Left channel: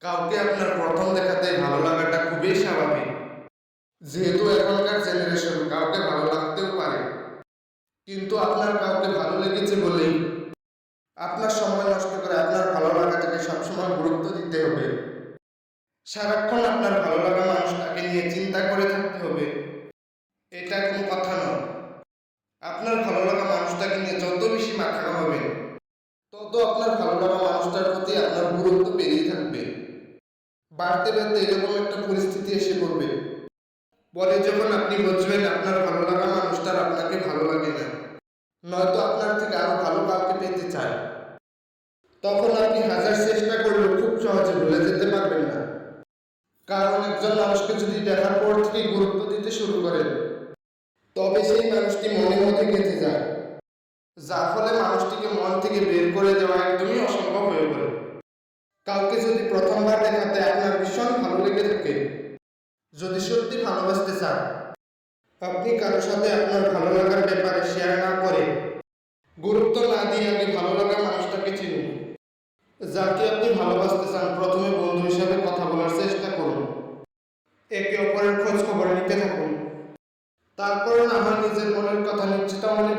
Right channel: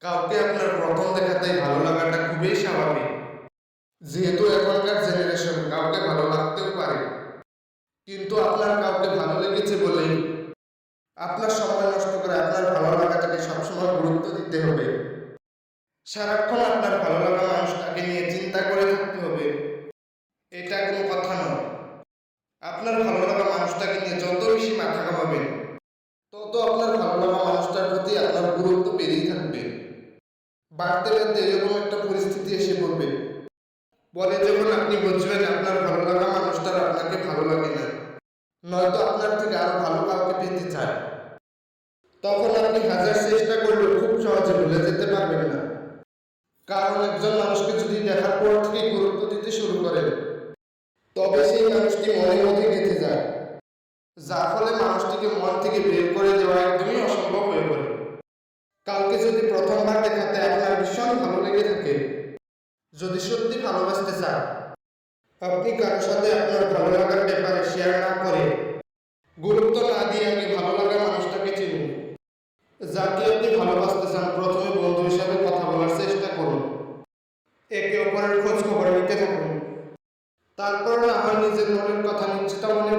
কাউকে আপনার প্রথম দেখাতেই ভালো লাগাটা খুবই স্বাভাবিক। যেহেতু এখনকার জেনারেশন কাউকে ভালো লাগতেও পারে। কিন্তু আপনার কাউকে ভালো লেগেছে বলেই আপনার সময় নষ্ট করে আপনার ভালো লাগাটাকে সবসময় গুরুত্ব দিতে হবে। সারাক্ষণ আপনার ভালো লাগা মানুষটাকে নিয়ে চিন্তা করে থাকতে হবে। এটা কোনো কথা নয়। আপনার ভালো লাগা মানুষটাকে নিয়ে যত বেশি মাথা কামাবেন তত আপনার ভালো লাগা মানুষটার প্রতি আপনার গুরুত্ব বেড়েই থাকবে। বাড়তে বাড়তে এরকম একটা পরিস্থিতি এসে পড়বে। পরে যখন আপনি বুঝবেন আপনার ভালো লাগা মানুষটার আপনাকে ভালো লাগে না, নয়তো আপনার থেকে আরও ভালো কাউকে পেতে চায়। তখন আপনি হাজার চেষ্টা করলেও খুব সহজে ভুলে যেতে পারবেন না। কারণ একজন মানুষকে যদি দেখার পর থেকে গুরুত্ব দিতে শুরু করেন, তবে সেই মানুষটি মনের মধ্যে গেঁথে যায়। যার ফলে মানুষটিকে মন থেকে করে দেওয়া একদমই অসম্ভব হয়ে পড়ে। কাউকে যদি প্রথমবার দেখাতে আপনার ভীষণ ভালো লেগে থাকে, যদি সত্যি ভালোবাসতে চান, আপনি কারোর সাথে আপনার ভালো লাগার ব্যাপারে শেয়ার না করে গুরুত্ব না দিয়ে আগে ভালো লাগা মানুষটাকে চিনুন। যাকে আপনি ভালোবাসতে চান, প্রথমে বন্ধু হিসাবে কথা বলার চেষ্টা করুন। একে অপরের খোঁজ খবর নিতে থাকুন। তারপর না হয় নিজের মনের কথা নিশ্চিত মনে